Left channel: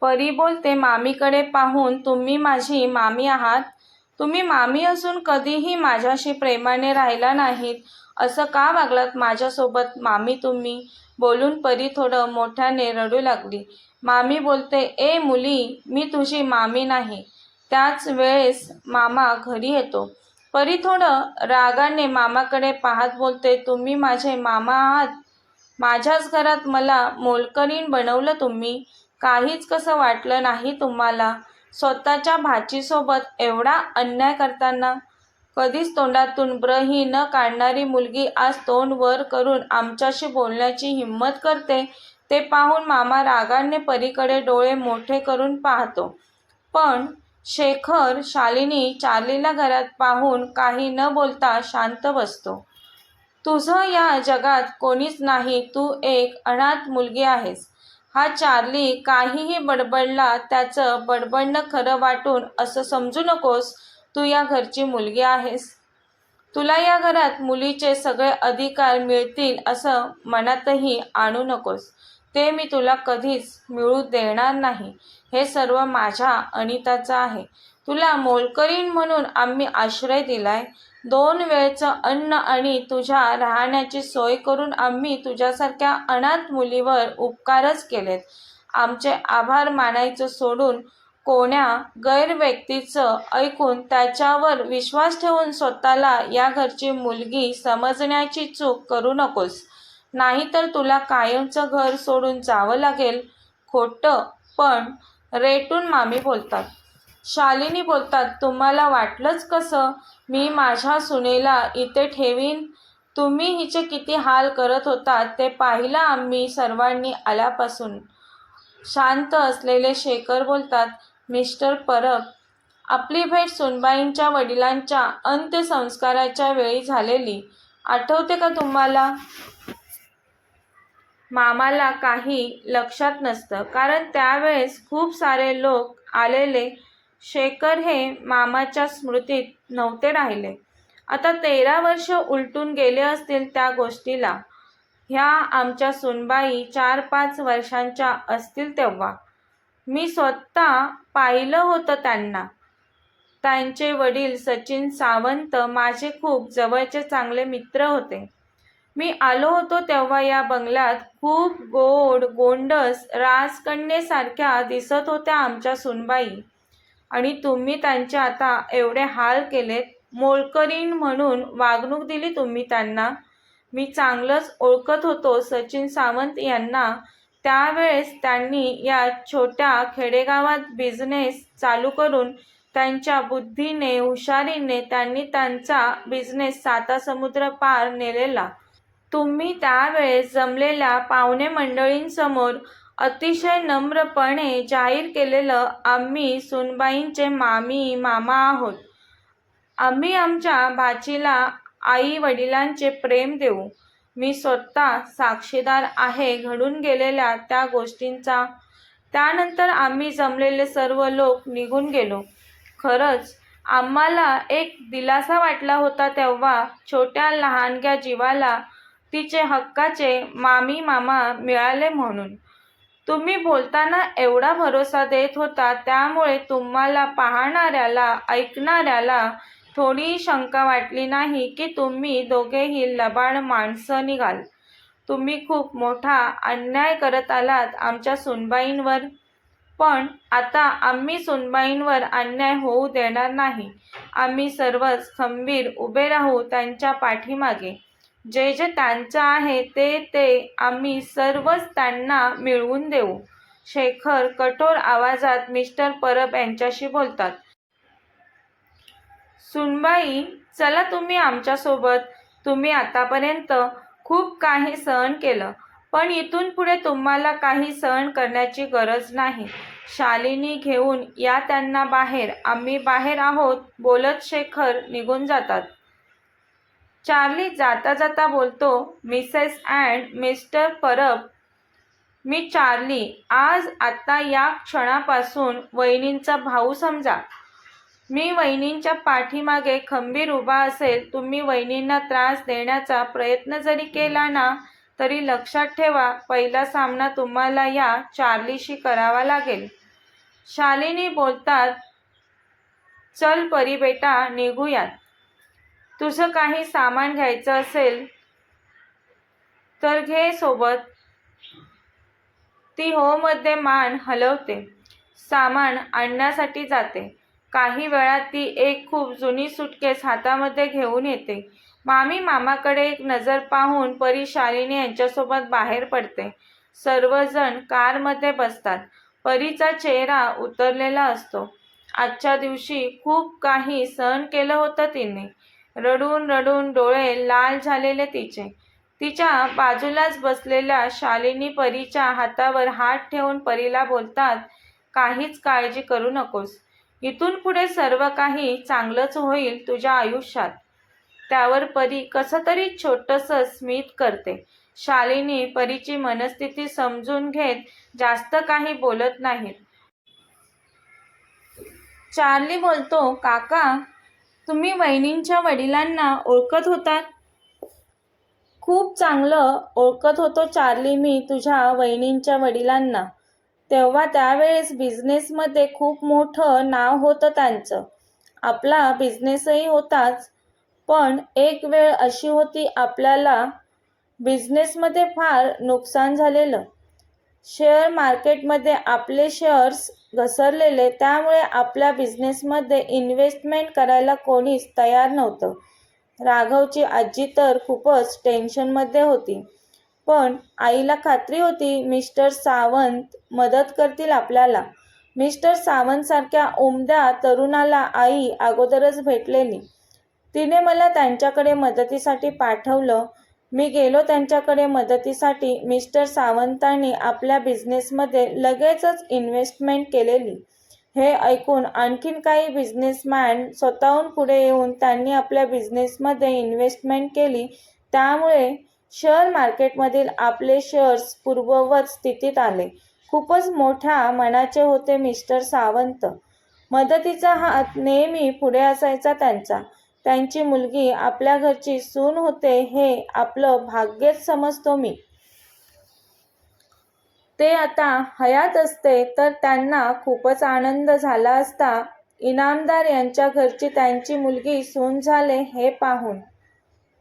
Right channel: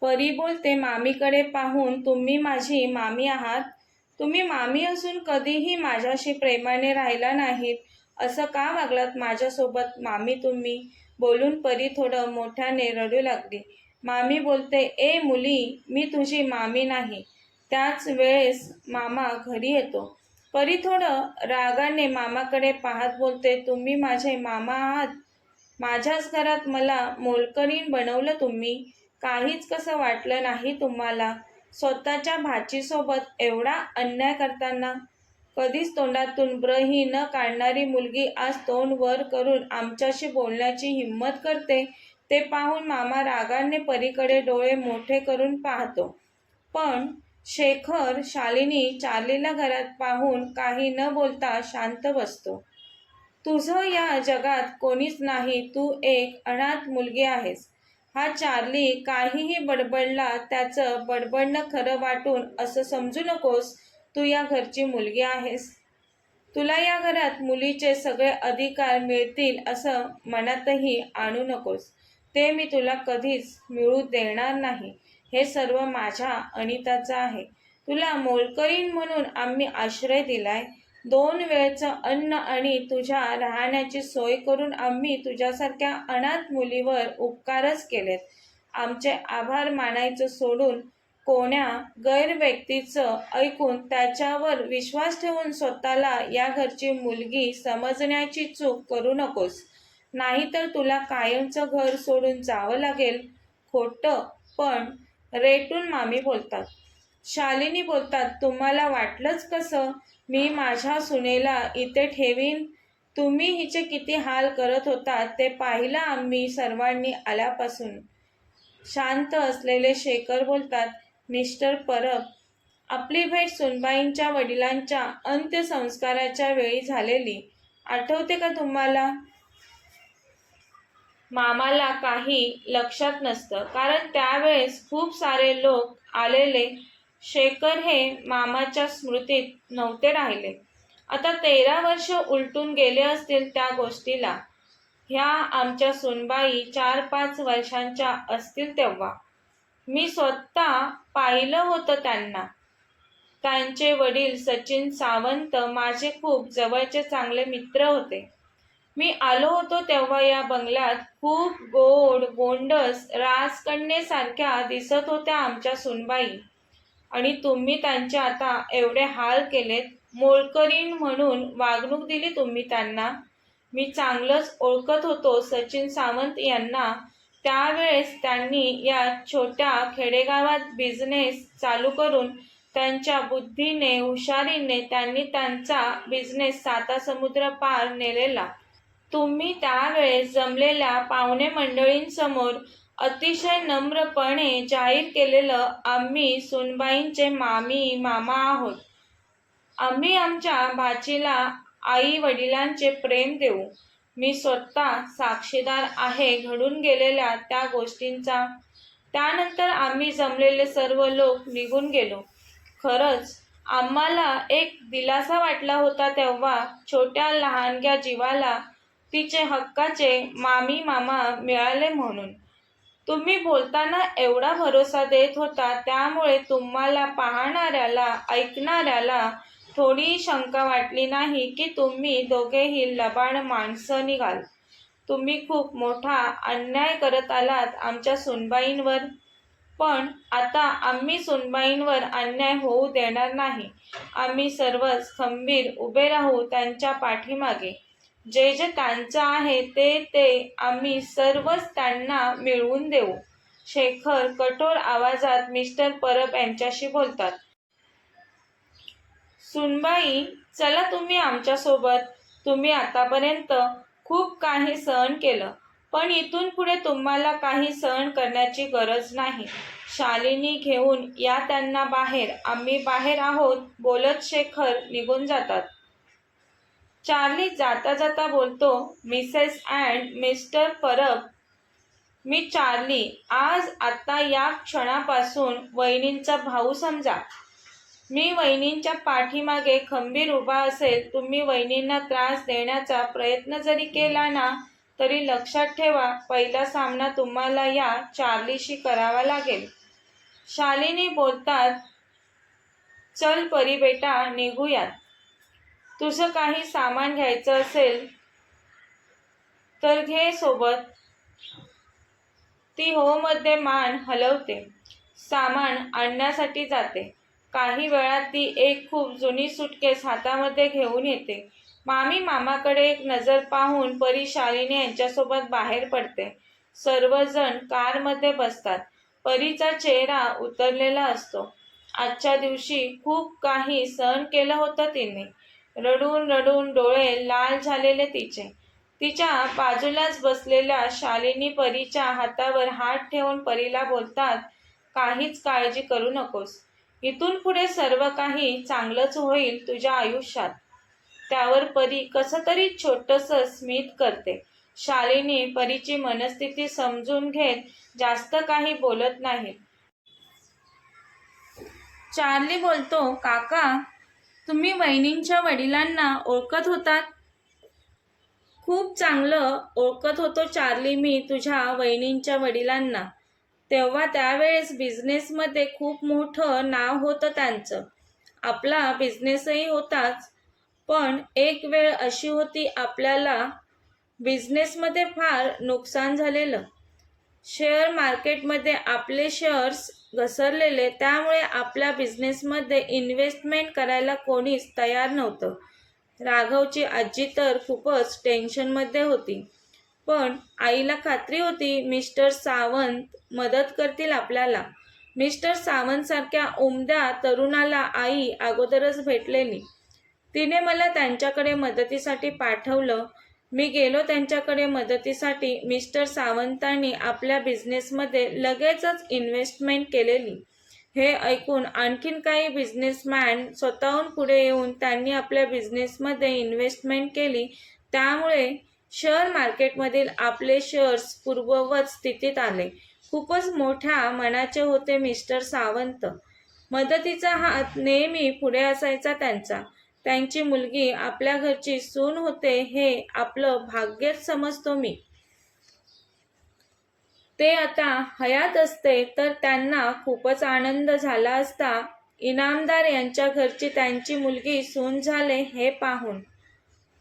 परी बोलते मामीकडे पाहून तुम्ही माझी मामी आहात? तुम्ही मामी असून कधीही माझ्याशी प्रेमाने राहिला नाहीत. असं का वागलात माझ्यासोबत? मामी तुम्ही. बोलून परी थोडं मोठ्याने रडू लागली. मामी बोलते ए मुली मी तुझी मामी नाही. त्याच वेळेस मामा घरी येतो. परी थोडं रागाने मामाकडे पाहत बोलते तुम्ही माझे मामा आहात? माझ्याच घरात मला मोलकरीण बनवलं तुम्ही. काहीच कसं वाटलं नाही तुम्हाला? स्वतःच्या भाचीसोबत एवढा अन्याय करताना? कधीच तोंडातून ब्रही न काढणारी मुलगी आज तोंड वर करून आमच्याशी बोलण्याची हिंमत करते ते पाहून मामा रागाने परीकडे डोळे मोठे करून पाहतो. पण शेखर शालिनी चार्लीला घरात पाहून काही न बोलता शांत बसतो. तुझं या जगात कोणीच नाही तू एक अनाथ मुलगी आहेस. हा चार्ली काहीही बडबडला त्याचं बडबडणं खरं वाटून असं समजू नकोस तू या घरची मुलगी आहेस. तुला या घरात मुलीचे सगळे अधिकार मिळतील असं मनातही आणू नकोस. ते मी तुला कधीच मिळू देणार नाही. हे सर्व माझ्या अनिताचं आहे. तुला मोलकरीण म्हणून आम्ही आश्रय दिलाय. दोन वेळचं अन्न आणि तुझ्या राहण्याची सोय करून आम्ही तुझ्यासारख्या अनाथ मुलीवर उपकारच केलेत. आमचे आभार मानायचं सोडून कोण्या गैरव्यक्तीचं ऐकून त्याच्यावर विश्वास ठेवून स्वतःला या घरची मुलगी समजण्याची चूक करू नकोस. नाहीतर तुला कायमचं घर सोडून जावं लागेल खोटं पण रेटून मामी बोलतात. शालिनी बोलतात तुम्हाला वाटलंच कसं? मी माझ्या सुनेला इथे ठेवीन. तुम्ही हिचे किती हाल करत होता ते पाहिलं आम्ही सर्वांनी आल्यापासून. शांत असलेले शेखर बोलतात मिस्टर परब आपली भेट सुनबाईंच्या वडिलांच्या अंत्यसंस्काराच्या वेळी झालेली. आठवते का तुम्हाला? मामाला काही लक्षात नसतं कारण त्यावेळेस खूप सारे लोक आलेले शेखर हे मामाच्या स्मृतीत नव्हते राहिले. आता तेरा वर्ष उलटून गेले असतील त्या गोष्टीला. ह्या आमच्या सुनबाई चार पाच वर्षांच्या असतील तेव्हा. मी स्वतः पाहिलं होतं त्यांना. त्यांचे वडील सचिन सावंत माझे खूप जवळचे चांगले मित्र होते. मी आलो होतो तेव्हा या बंगल्यात खूप गोड गोंडस राजकन्येसारख्या दिसत होत्या आमच्या सुनबाई. आणि तुम्ही त्यांचे आता एवढे हाल केलेत. मोलकरीण म्हणून वागणूक दिली तुम्ही त्यांना. मी चांगलंच ओळखत होतो सचिन सावंत यांना. त्यावेळेस त्यांनी या छोट्या खेडेगावात बिझनेस चालू करून त्यांच्या बुद्धीने हुशारीने त्यांनी त्यांचा बिझनेस साता समुद्र पार नेलेला. तुम्ही त्यावेळेस जमलेल्या पाहुणे मंडळींसमोर अतिशय नम्रपणे जाहीर केलेलं आम्ही सुनबाईंचे मामी मामा आहोत. आम्ही आमच्या भाचीला आई वडिलांचे प्रेम देऊ. मी स्वतः साक्षीदार आहे घडून गेलेल्या त्या गोष्टींचा. त्यानंतर आम्ही जमलेले सर्व लोक निघून गेलो. खरंच आम्हाला एक दिलासा वाटला होता तेव्हा छोट्या लहानग्या जीवाला तिचे हक्काचे मामी मामा मिळाले म्हणून. तुम्ही बोलताना एवढा भरोसा देत होता त्यामुळे तुम्हाला पाहणाऱ्याला ऐकणाऱ्याला थोडी शंका वाटली नाही की तुम्ही दोघेही लबाड माणसं निघाल. तुम्ही खूप मोठा अन्याय करत आलात आमच्या सुनबाईंवर. पण आता आम्ही सुनबाईंवर अन्याय होऊ देणार नाही. आम्ही सर्वच खंबीर उभे राहू त्यांच्या पाठीमागे. जे जे त्यांचं आहे ते ते आम्ही सर्वच त्यांना मिळवून देऊ. शेखर कठोर आवाजात मिस्टर परब यांच्याशी बोलतात. सुनबाई चला तुम्ही आमच्यासोबत. तुम्ही आतापर्यंत खूप काही सहन केलं पण इथून पुढे तुम्हाला काही सहन करण्याची गरज नाही. शालिनी घेऊन या त्यांना बाहेर. आम्ही बाहेर आहोत बोलत शेखर निघून जातात. चार्ली जाता जाता बोलतो मिसेस अँड मिस्टर परब मी चार्ली. आज आत्ता या क्षणापासून वहिनींचा भाऊ समजा. मी वहिनींच्या पाठीमागे खंबीर उभा असेल तुम्ही वहिनींना त्रास देण्याचा प्रयत्न जरी केला ना तरी लक्षात ठेवा पहिला सामना तुम्हाला या चार्लीशी करावा लागेल. शालिनी बोलतात चल परी बेटा निघूयात. तुझं काही सामान घ्यायचं असेल तर घे सोबत. ती होमध्ये मान हलवते. सामान आणण्यासाठी जाते. काही वेळात ती एक खूप जुनी सुटकेस हातामध्ये घेऊन येते. मामी मामाकडे एक नजर पाहून परी शालिनी यांच्यासोबत बाहेर पडते. सर्वजण कारमध्ये बसतात. परीचा चेहरा उतरलेला असतो. आजच्या दिवशी खूप काही सहन केलं होतं तिने. रडून रडून डोळे लाल झालेले तिचे. तिच्या बाजूलाच बसलेल्या शालिनी परीच्या हातावर हात ठेवून परीला बोलतात काहीच काळजी करू नकोस. इथून पुढे सर्व काही चांगलंच होईल तुझ्या आयुष्यात. त्यावर परी कसं तरी छोटंसं स्मित करते. शालिनी परीची मनस्थिती समजून घेत जास्त काही बोलत नाही. चार्ली बोलतो काका. तुम्ही वहिनींच्या वडिलांना ओळखत होतात? खूप चांगलं ओळखत होतो चार्ली मी तुझ्या वहिनींच्या वडिलांना. तेव्हा त्यावेळेस बिझनेसमध्ये खूप मोठं नाव होतं त्यांचं. आपला बिझनेसही होताच. पण एक वेळ अशी होती आपल्याला बिझनेसमध्ये फार नुकसान झालेलं. शेअर मार्केटमध्ये आपले शेअर्स घसरलेले त्यामुळे आपल्या बिझनेसमध्ये इन्व्हेस्टमेंट करायला कोणीच तयार नव्हतं. राघवची आजी तर खूपच टेन्शनमध्ये होती. पण आईला खात्री होती मिस्टर सावंत मदत करतील आपल्याला. मिस्टर सावंतसारख्या उमद्या तरुणाला आई अगोदरच भेटलेली. तिने मला त्यांच्याकडे मदतीसाठी पाठवलं. मी गेलो त्यांच्याकडे मदतीसाठी मिस्टर सावंतांनी आपल्या बिझनेसमध्ये लगेचच इन्व्हेस्टमेंट केलेली. हे ऐकून आणखीन काही बिझनेसमॅन स्वतःहून पुढे येऊन त्यांनी आपल्या बिझनेसमध्ये इन्व्हेस्टमेंट केली. त्यामुळे शेअर मार्केटमधील आपले शेअर्स पूर्ववत स्थितीत आले. खूपच मोठ्या मनाचे होते मिस्टर सावंत. मदतीचा हात नेहमी पुढे असायचा त्यांचा. त्यांची मुलगी आपल्या घरची सून होते हे आपलं भाग्यच समजतो मी. ते आता हयात असते तर त्यांना खूपच आनंद झाला असता. इनामदार यांच्या घरची त्यांची मुलगी सून झाले हे पाहून.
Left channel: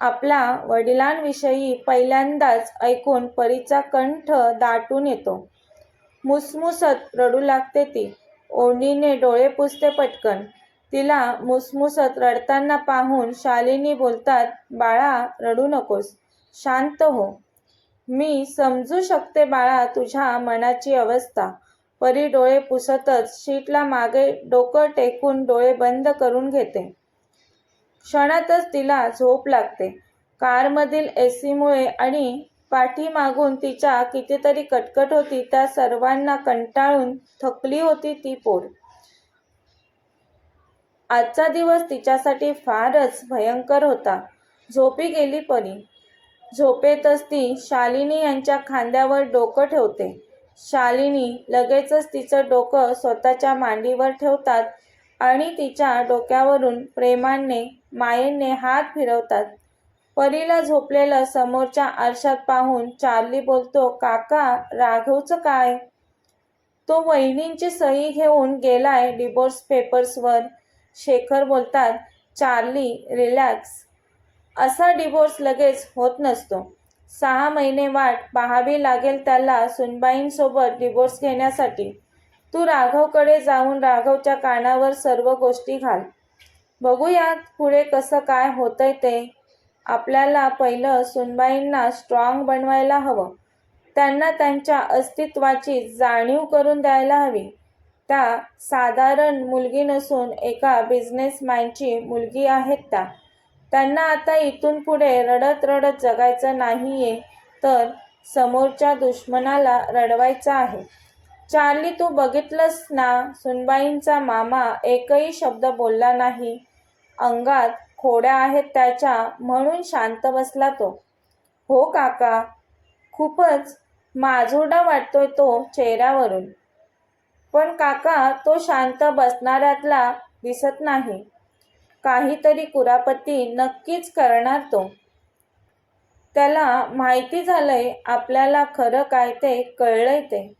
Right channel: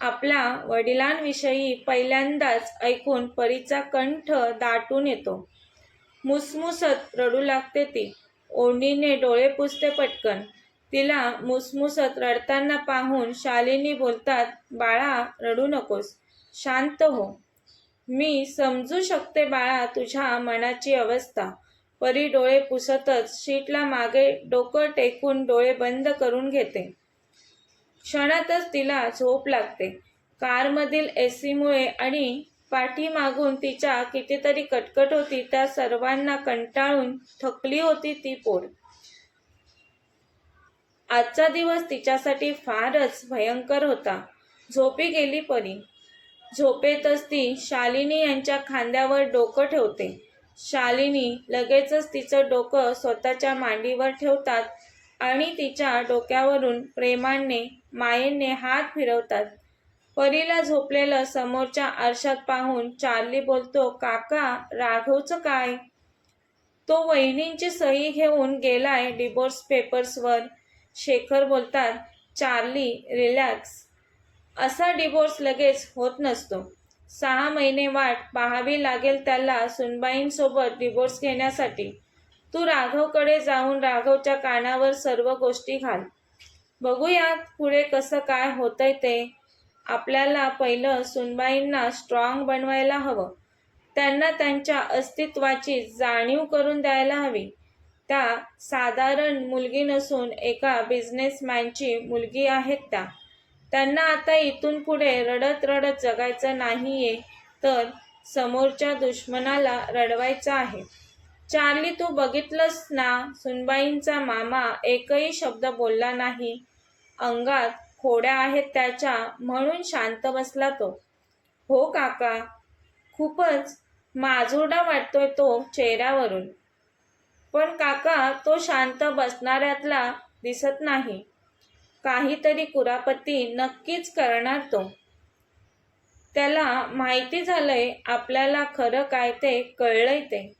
आपल्या वडिलांविषयी पहिल्यांदाच ऐकून परीचा कंठ दाटून येतो. मुसमुसत रडू लागते ती. ओढणीने डोळे पुसते पटकन. तिला मुसमुसत रडताना पाहून शालिनी बोलतात बाळा रडू नकोस. शांत हो. मी समजू शकते बाळा तुझ्या मनाची अवस्था. परी डोळे पुसतच शीटला मागे डोकं टेकून डोळे बंद करून घेते. क्षणातच तिला झोप लागते. कारमधील ए सीमुळे आणि पाठीमागून तिच्या कितीतरी कटकट होती त्या सर्वांना कंटाळून थकली होती ती पोर. आजचा दिवस तिच्यासाठी फारच भयंकर होता. झोपी गेली परी. झोपेतच ती शालिनी यांच्या खांद्यावर डोकं ठेवते. शालिनी लगेचच तिचं डोकं स्वतःच्या मांडीवर ठेवतात आणि तिच्या डोक्यावरून प्रेमाने मायेने हात फिरवतात. परीला झोपलेलं समोरच्या आरशात पाहून चार्ली बोलतो काका राघवचं काय? तो वहिनींची सही घेऊन गेलाय डिवोर्स पेपर्सवर शेखर बोलतात चार्ली रिलॅक्स. असा डिवोर्स लगेच होत नसतो. सहा महिने वाट पाहावी लागेल त्याला सुनबाईंसोबत डिवोर्स घेण्यासाठी. तू राघवकडे जाऊन राघवच्या कानावर सर्व गोष्टी घाल. बघूयात पुढे कसं काय होतंय ते. आपल्याला पहिलं सुनबाईंना स्ट्रॉंग बनवायला हवं. त्यांना त्यांच्या अस्तित्वाची जाणीव करून द्यायला हवी. त्या साधारण मुलगी नसून एका बिझनेसमॅनची मुलगी आहेत त्या. त्यांना आता इथून पुढे रडत रडत जगायचं नाहीये तर समोरच्या दुश्मनाला रडवायचं आहे. चार्ली तू बघितलंस ना? सुनबाईंचा मामा एकही शब्द बोलला नाही. अंगात खोड्या आहेत त्याच्या म्हणून शांत बसला तो. हो काका खूपच माजुरडा वाटतोय तो चेहऱ्यावरून. पण काका तो शांत बसणाऱ्यातला दिसत नाही. काहीतरी कुरापती नक्कीच करणार तो. त्याला माहिती झालंय आपल्याला खरं काय ते कळलंय ते.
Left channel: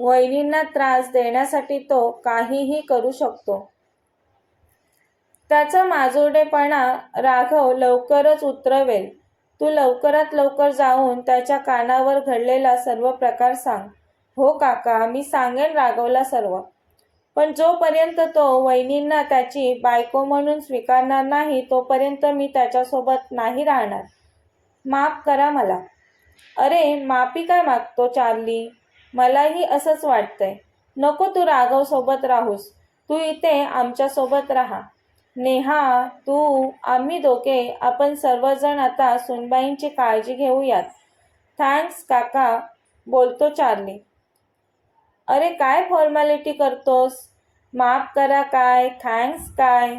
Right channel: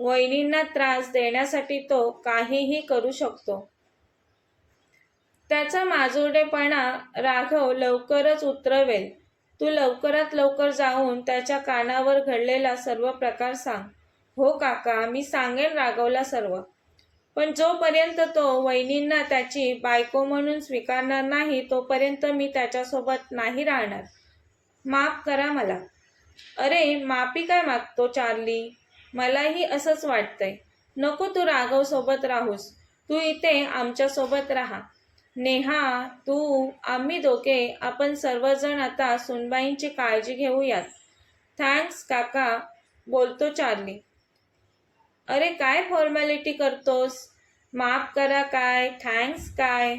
वहिनींना त्रास देण्यासाठी तो काहीही करू शकतो. त्याचा माजुरडेपणा राघव लवकरच उतरवेल. तू लवकरात लवकर जाऊन त्याच्या कानावर घडलेला सर्व प्रकार सांग. हो काका मी सांगेन राघवला सर्व. पण जोपर्यंत तो वहिनींना त्याची बायको म्हणून स्वीकारणार नाही तोपर्यंत मी त्याच्यासोबत नाही राहणार. माफ करा मला. अरे माफी काय मागतो चार्ली? मलाही असंच वाटतंय. नको तू राघव सोबत राहूस. तू इथे आमच्यासोबत राहा. नेहा तू आम्ही दोघे आपण सर्वजण आता सुनबाईंची काळजी घेऊयात. थँक्स काका बोलतो चार्ली. अरे काय फॉर्मॅलिटी करतोस? माफ करा काय? थँक्स काय?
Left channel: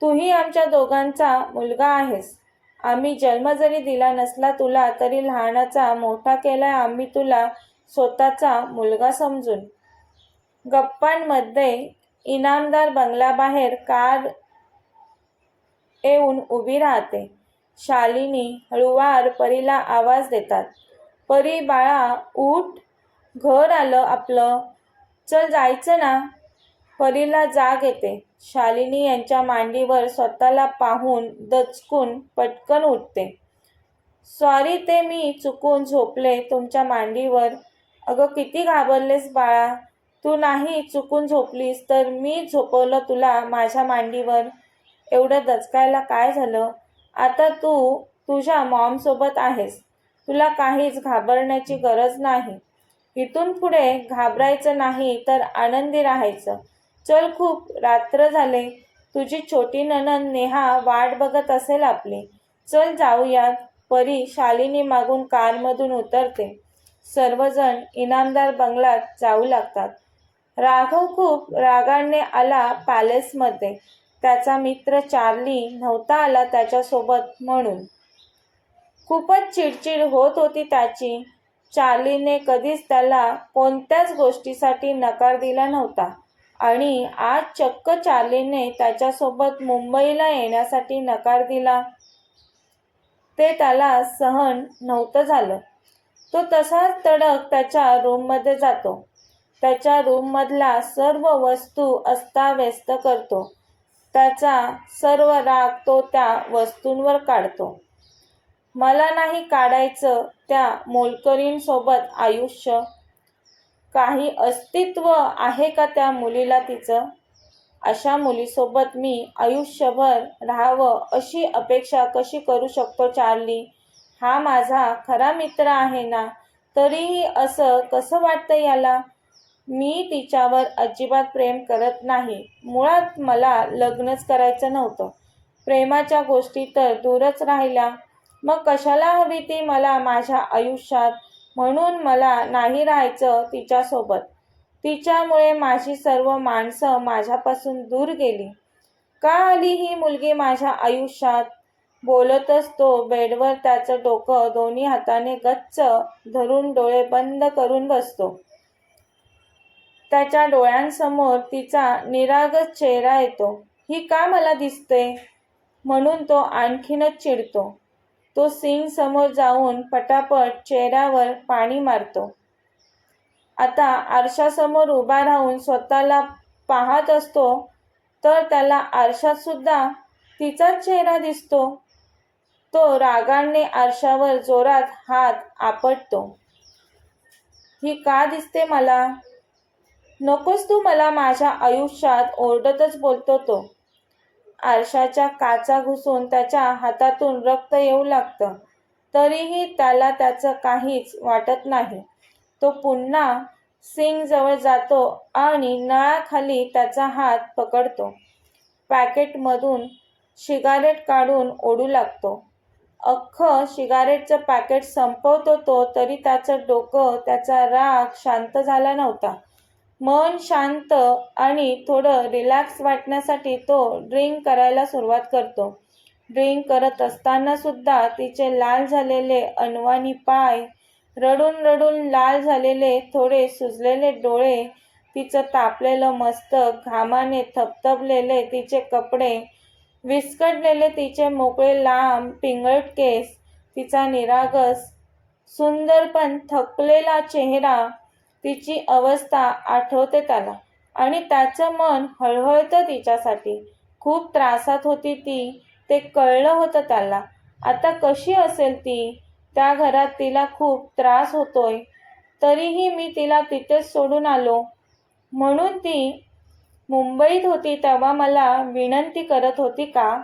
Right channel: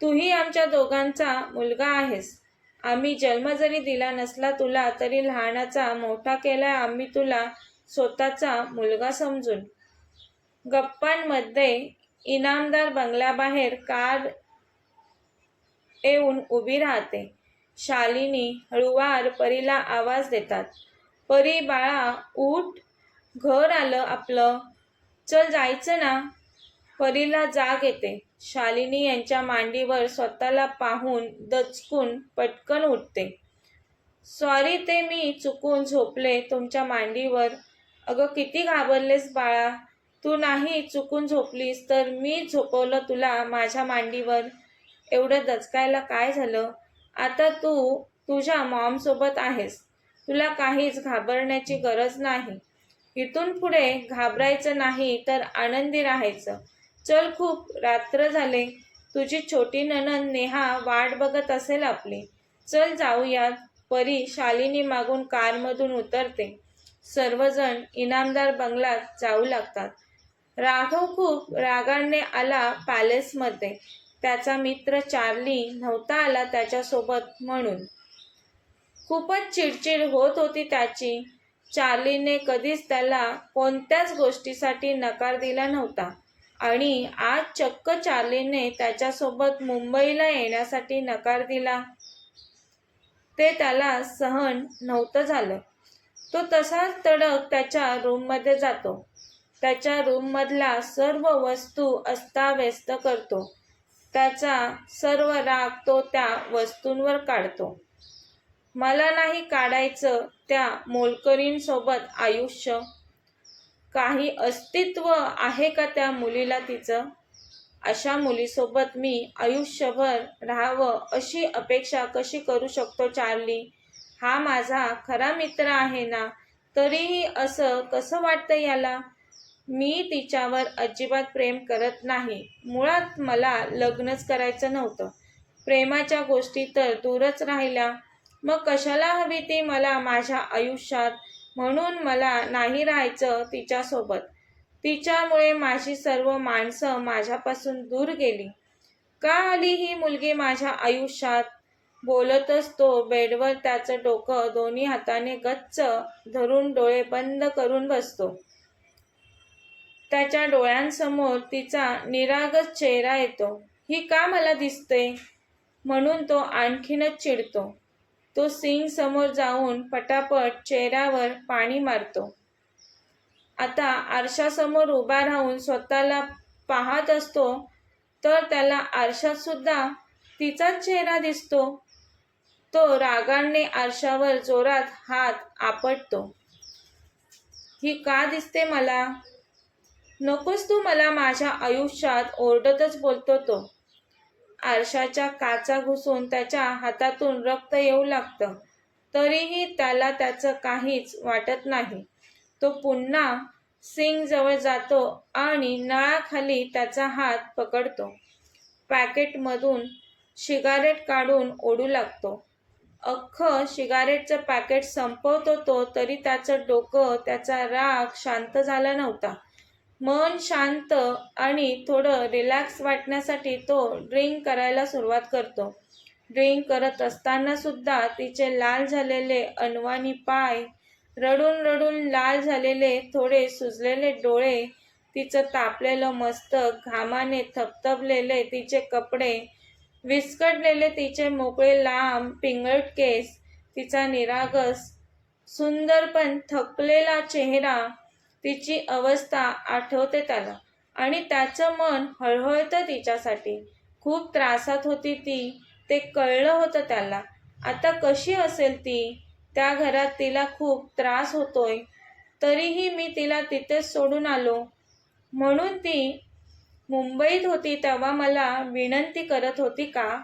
तूही आमच्या दोघांचा मुलगा आहेस. आम्ही जन्म जरी दिला नसला तुला तरी लहानाचा मोठा केलाय आम्ही तुला स्वतःचा मुलगा समजून. गप्पांमध्ये इनामदार बंगल्याबाहेर कार येऊन उभी राहते. शालिनी हळुवार परीला आवाज देतात. परी बाळा उठ. घर आलं आपलं. चल जायचं ना. परीला जाग येते. शालिनी यांच्या मांडीवर स्वतःला पाहून दचकून पटकन उठते. सॉरी ते मी चुकून झोपले तुमच्या मांडीवर. अगं किती घाबरलेस बाळा. तू नाही चुकून झोपलीस तर मी झोपवलं तुला माझ्या मांडीवर. एवढं दचकायला काय झालं? आता तू तुझ्या मॉमसोबत आहेस. तुला काहीच घाबरण्याची गरज नाही. इथून पुढे घाबरायचं नाही तर आनंदी राहायचं. चल खूप रात्र झाले. तुझी छोटी ननंद नेहा वाट बघत असेल आपली. चल जाऊयात. परी शालिनी मागून कारमधून उतरते. सर्वजण इनामदार बंगलात जाऊ लागतात. राघव खूप रागाने आला पॅलेसमध्ये. त्याचा मित्र चार्ली नव्हता आला त्याच्यासोबत म्हणून. खूपच चिडचिड होत होती त्याची. चार्लीने कधीच त्याला कोणत्याच गोष्टीसाठी नकार दिला नव्हता. आणि आज चक्क चार्लीने त्याच्यासोबत मुंबईला येण्यासाठी नकार दिला. ते त्याला सहन नव्हतं झालं. तो तसाच तडक त्याच्या रूममध्ये जातो. त्याच्या रूममधला सर्व वस्तू अस्ताव्यस्त करतो. त्याचा सर्व राग तो त्या वस्तूंवर काढतो. मला नाही काढायचं त्या मोलकरींसोबत आयुष्य. काही अस्तित्व आहे का त्या मुलीला तिचं? अशा मुलीसोबत मी आयुष्यभर राहावं अशी अपेक्षा कशी करू शकतो चार्ली? हा माझा खरा मित्र आहे ना? तरीही असं कसं वाटतं याला? मी तिच्यावर अजिबात प्रेम करत नाही. मुळात मला लग्नच करायचं नव्हतं. प्रेमाच्या गोष्टी तर दूरच राहिल्या. मग कशाला हवी ती मला माझ्या आयुष्यात? म्हणून मला नाही राहायचं तिच्यासोबत. तिच्यामुळे माझी सर्व माणसं माझ्यापासून दूर गेली. का आली ही मुलगी माझ्या आयुष्यात? बोलतच तो बेडवर त्याचं डोकं दोन्ही हाताने गच्च धरून डोळे बंद करून बसतो. त्याच्या डोळ्यांसमोर तिचा निरागस चेहरा येतो. ही का मला दिसते? म्हणून तो आणखीनच चिडतो. तो सिंग समोर जाऊन पटापट चेहऱ्यावर पाणी मारतो. आता आरशासमोर उभा राहून स्वतःला पाहत असतो तर त्याला आरशात सुद्धा तिचाच चेहरा दिसतो. तो रागाने आरशावर जोरात हात आपटतो. ही का दिसते मला? नकोस तू मला माझ्या आयुष्यात ओरडतच बोलतो तो. आरशाच्या काचा घुसून त्याच्या हातातून रक्त येऊ लागतं. तरीही त्याला त्याचं काहीच वाटत नाही. तो पुन्हा सिंग जवळ जातो आणि नळाखाली त्याचा हात पकडतो. पॅकेटमधून शिगारेट काढून ओढू लागतो. अख्खं शिगारेटचं पॅकेट संपवतो तो तरी त्याचं डोकं त्याचा राग शांत झाला नव्हता. मन शांत आणि थोडं रिलॅक्स वाटण्यासाठी तो ड्रिंक करायला सुरुवात करतो. ड्रिंक करत असताना सुद्धा तिचे लाल झालेले अनवानी पाय रडून रडून लाल झालेले थोडे सुजलेले डोळे तिचं तापलेलं मस्तक घामाने थपथपलेले तिचे कपडे विस्कटलेले तिचे मोकळे लांब पिंगळट केस तिचा निरागस सुंदर पण थकलेला चेहरा तिची अवस्था आठवते त्याला. आणि त्याचं मन हळहळतं तिच्यासाठी. खूप त्रासात होती ती. ते कळलं होतं त्याला. आता कशी असेल ती? त्या घरात तिला खूप त्रास होतोय. तरीही मी तिला तिथेच सोडून आलो. म्हणून ती मुंबईत होती तेव्हा मला विनंती करत होती का?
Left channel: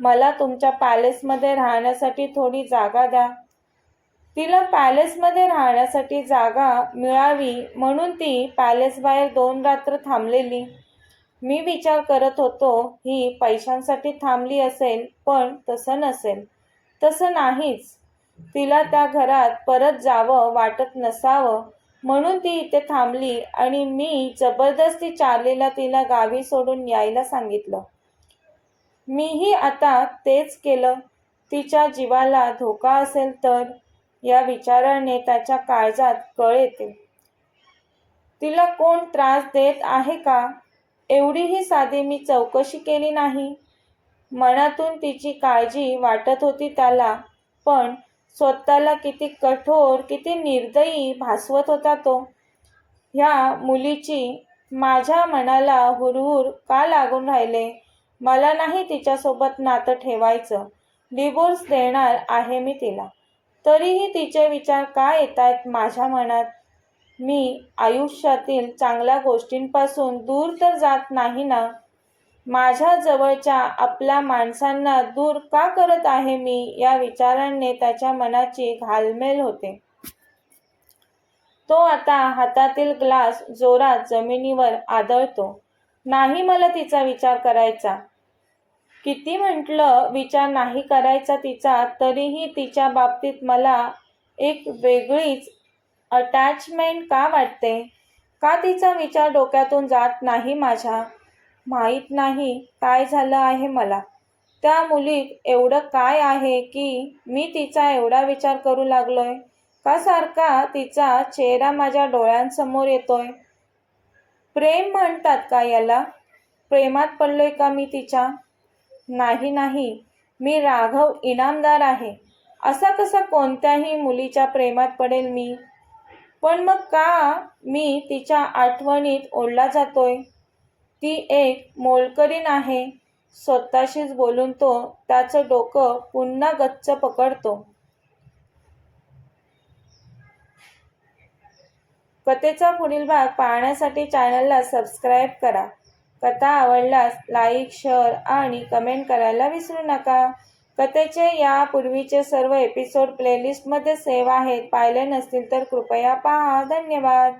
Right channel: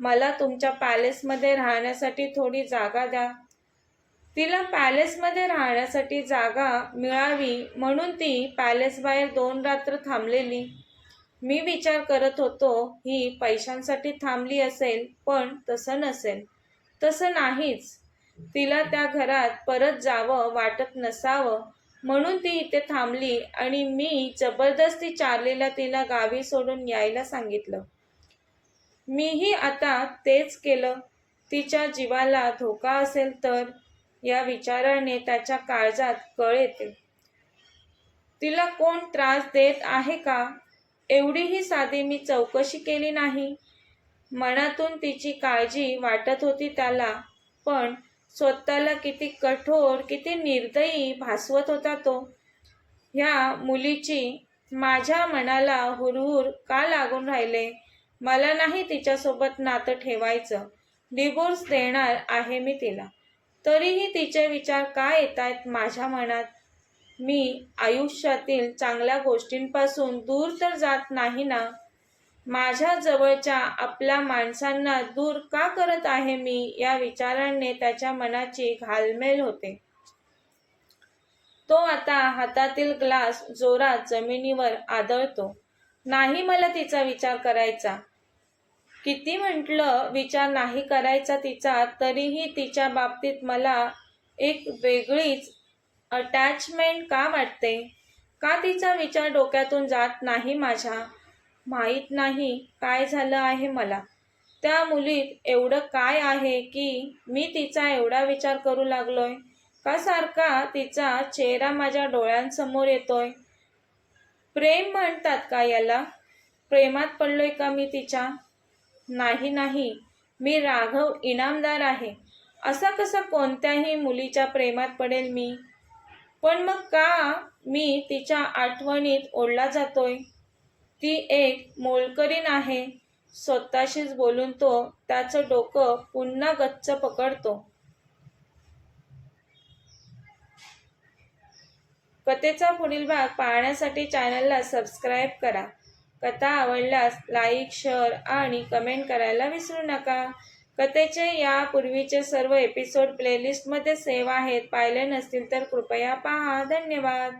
मला तुमच्या पॅलेसमध्ये राहण्यासाठी थोडी जागा द्या. तिला पॅलेसमध्ये राहण्यासाठी जागा मिळावी म्हणून ती पॅलेसबाहेर दोन रात्र थांबलेली. मी विचार करत होतो ही पैशांसाठी थांबली असेल पण तसं नसेल. तसं नाहीच. तिला त्या घरात परत जावं वाटत नसावं म्हणून ती इथे थांबली आणि मी जबरदस्ती चार्लीला तिला गावी सोडून यायला सांगितलं. मीही आता तेच केलं. तिच्या जीवाला धोका असेल तर या विचाराने त्याच्या काळजात कळ येते. तिला कोण त्रास देत आहे का? एवढीही साधी मी चौकशी केली नाही. मनातून तिची काळजी वाटत होती त्याला पण स्वतःला किती कठोर किती निर्दयी भासवत होता तो. ह्या मुलीची माझ्या मनाला हुरहुर का लागून राहिले? मला नाही तिच्यासोबत नातं ठेवायचं. डिवोर्स देणार आहे मी तिला. तरीही तिचे विचार का येत आहेत माझ्या मनात? मी आयुष्यातील चांगल्या गोष्टींपासून दूर तर जात नाही ना? माझ्या जवळच्या आपल्या माणसांना दूर का करत आहे मी? या विचारांने त्याच्या मनाची घालमेल होते. तो आता हातातील ग्लास जोरात जमिनीवर आदळतो. नाही मला तिचा विचार करायचा. किती म्हटलं विचार नाही करायचा तिचा तरीही तिच्या बाबतीत मला एक वेगळीच अटॅचमेंट का वाटते? का तिचा विचार डोक्यातून जात नाही माझ्या? माहीत नाही काय झालं आहे मला. त्या मुलीत एवढं काय आहे की मी तिचा एवढा विचार करू लागलोय? का सारखा तिचा चेहरा माझ्या डोळ्यांसमोर येतोय? प्रेम म्हणतात का याला? प्रेमात पडलोय का मी तिच्या? नाही नाही. मी राघव इनामदार आहे. असा कसा कोणत्याही मुलीच्या प्रेमात पडेल मी? पण मग का मी तिच्या आठवणीत ओढला जातोय? ती एक मोलकरीण आहे. स्वतःशीच बोलून तो त्याचं डोकं पुन्हा गच्च पकडतो. कथेचा पुढील भाग पाहण्यासाठी चॅनलला सबस्क्राईब करा. कथा आवडल्यास लाईक शेअर आणि कमेंट करायला विसरू नका. कथेचे यापूर्वीचे सर्व एपिसोड प्लेलिस्टमध्ये सेव्ह आहेत. पाहिले नसतील तर कृपया पहा. धन्यवाद.